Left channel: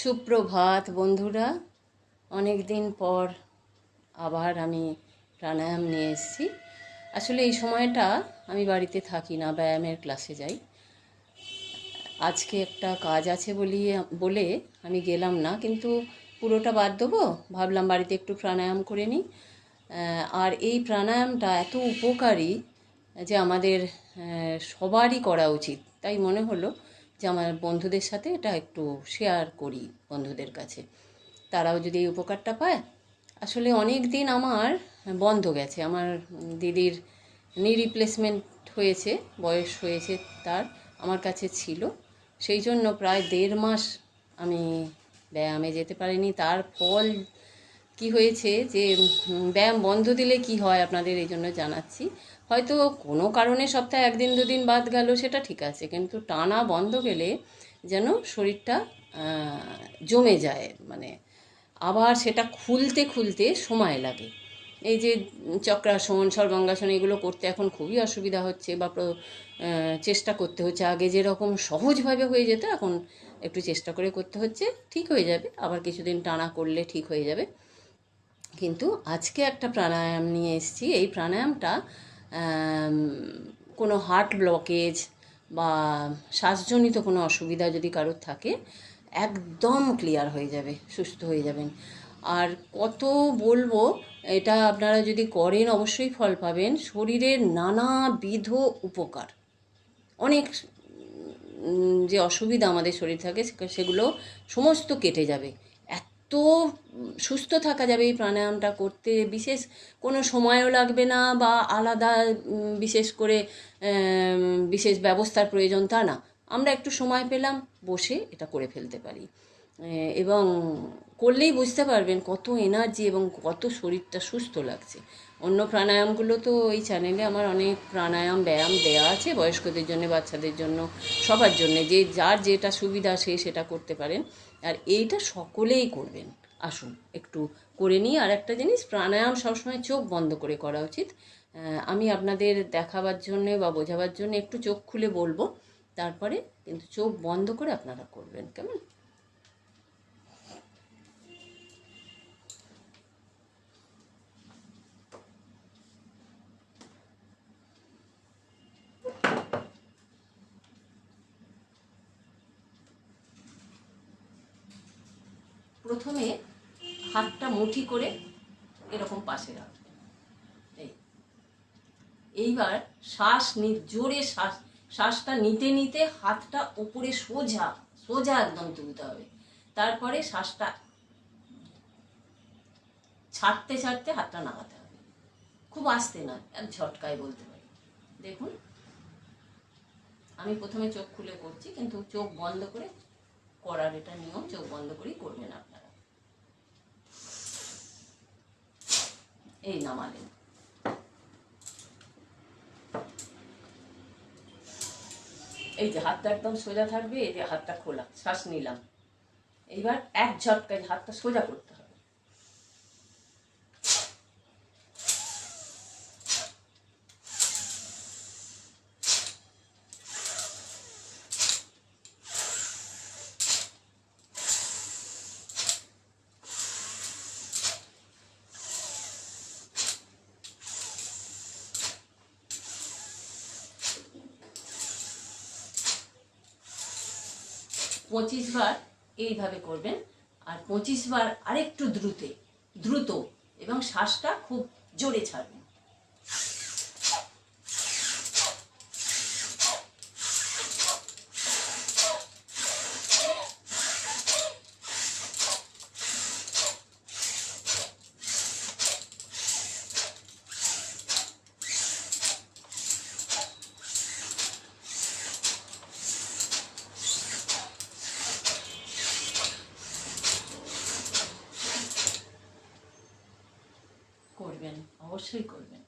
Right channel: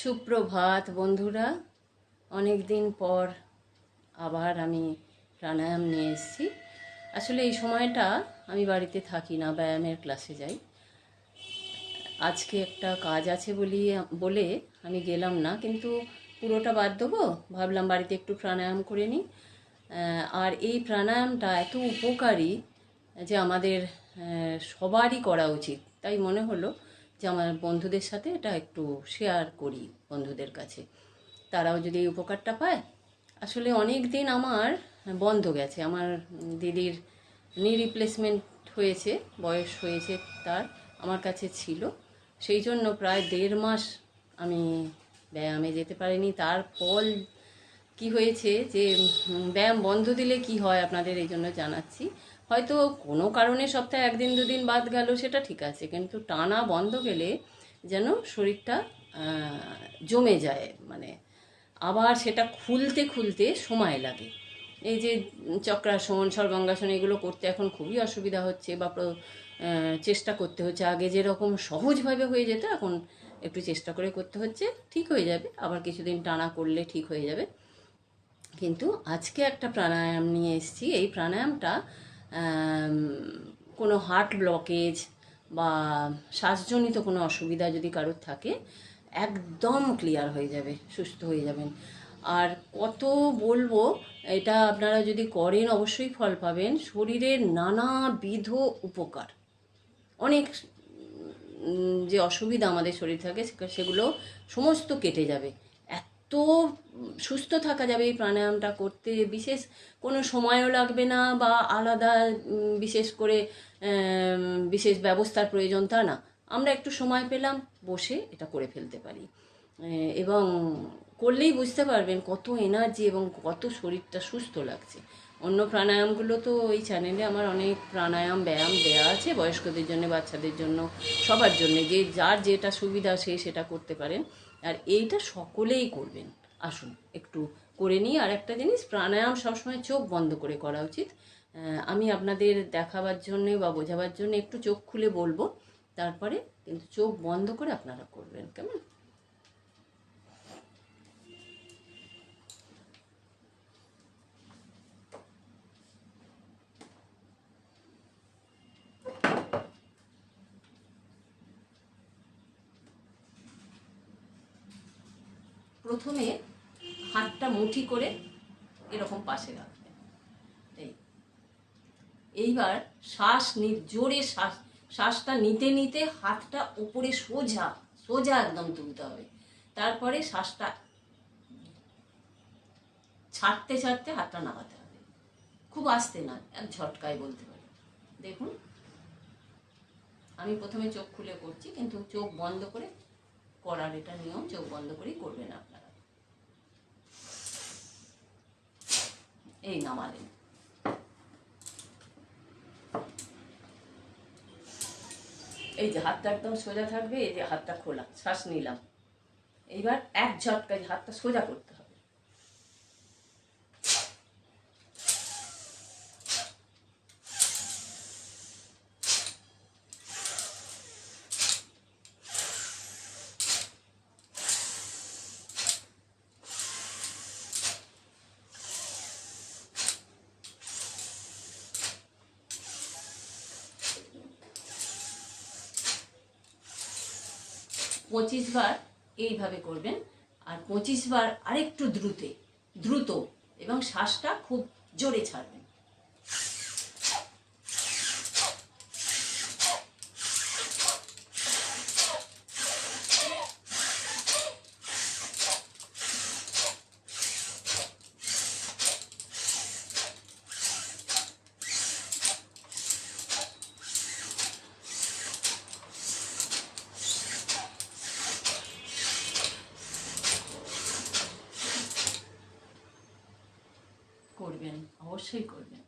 সুপ্রভাত বন্ধুরা, অনেক দিন পর আবার আমি প্রাণায়াম নিয়ে এসেছি। আসলে এই সময়টা আমি বাড়িতে থাকি না, ব্যায়ামের ক্লাসে যাই। আজকে একটা কাজ আছে বলে আমি গেলাম না, কিন্তু পুরোটা বাদ দেবো। ভাবলাম বাড়িতে একটু প্রাণায়াম করে নিই। আর এই প্রাণায়ামটা এত উপকারী যে আমাদের সবারই করা উচিত। তাই মনে হলো যে আমার বন্ধুদের সাথে এটা একটু শেয়ার করি বন্ধুদের কাছে, তারাও যদি এই উপকারটা পায়। আসলে অনেক দিন আমার বন্ধ গেছে। আমার দিদির নি রিপ্লেসমেন্ট হয়েছে, বয়স হয়েছে তার, আমার কাছে ছিল। সেই জন্য প্রায় 1.5 মাস আমি ব্যায়ামে যেতে পারিনি। তার ফল কি হয়েছে যে ব্যায়াম বন্ধ দিলে কি হয় আপনাদের এই জন্য জানাচ্ছি। হয়তো কোনো কারণে সপ্তাহে 1 দিন 2 দিন বাদ গেল, সেটা ঠিক আছে, কিন্তু টানা বন্ধ গেলে যেন শরীরটা জমে যায়, মানে আবার সেটা খুলতে খুলতে সময় লাগে। এই যে চক্রাসন, সর্বাঙ্গাসন, এগুলো করতে এখন খুবই অসুবিধা হচ্ছে, বা চেষ্টা করতে হচ্ছে। আগে যেরকম সহজভাবে হয়ে যেত, এখন একটু চেষ্টা করে করতে হচ্ছে। ঠিক হয়ে যাবে, আবার কিছুদিন টানা করলে ঠিক হয়ে যাবে। কিন্তু আজকে একটা প্রাণায়াম নিয়ে এসেছি। এই প্রাণায়ামটা কোনো হার্ট ব্লকেজ বা শ্বাসজনিত কোনো অসুবিধা যদি কারোর থাকে, একদম ক্লিয়ার হয়ে যাবে, সুস্থ হয়ে যাবেন। আর কত বলবো, এটা আপনারা যদি করেন অবশ্যই ফল পাবেন। শরীরের নানাবিধ উপকার, অনেক যে অসুবিধা আমাদের শরীর থাকে সেগুলো সমস্ত কেটে যাবে। এত সুস্থ থাকা যাবে এই প্রাণায়ামটা করতে। বিশেষ কোনো সময়ও লাগবে না, বা আলাদা বিশেষ করে বিশেষ ব্যবস্থার প্রয়োজন তা না। আমরা একটু সময় পেলাম, বসে এটা করে ফেলতে পারি। এবং করলেই বুঝতে পারবেন কত এনার্জি এবং কত শরীরটা সুস্থ লাগছে। অন্য প্রাণায়ামগুলো তো এই চ্যানেলে আমার অনেক প্রাণায়াম ব্যায়াম দেয়া আছে, বয়স্কদের জন্য, বাচ্চাদের জন্য, সবার জন্য, যে যার যেটা সুবিধা সে সেটা করতে পারেন। আর এইটা সকলেই করবেন। আসুন একটু করে নিই। আর একটা জিনিস, প্রাণায়াম সবসময় চোখ বন্ধ করে করা উচিত। আমি আপনাদের দেখাবার জন্য বা বোঝাবার জন্য একটু চোখ খুলে বলবো, তারপরে কিন্তু চোখ বন্ধ করে আপনারা করবেন, কেমন? প্রথমে হাতটা মুঠি করে এরকম পাশে রাখবেন। এইবার জোরে শ্বাসটা নিতে নিতে হাতটা উপরে সোজা সোজা একদম তুলতে হবে। তারপরে শ্বাসটা ছাড়তে ছাড়তে হাতটা নামাতে হবে। খুব আস্তে নয়, এক ঝটকায় বলতে পারি। দেখুন, আমি প্রথমে চোখ খুলে করছি, কিন্তু চোখ বন্ধ করে করার এটা নিয়ম, চোখ বন্ধ করেই করবেন আপনারা। এই নামালেন। এই যে হাতটা একদম সোজা থাকবে, এই যে হাতটা খোলা, শ্বাস নিলাম। এইবার এক ঝটকায় হাতটা সোজা করতে হবে। 25 বার এইভাবে করবেন। আর 25 বার আরেকটু দ্রুত এবং শ্বাসটা খুব জোরে ছাড়বেন। করবেন, অবশ্যই করবেন।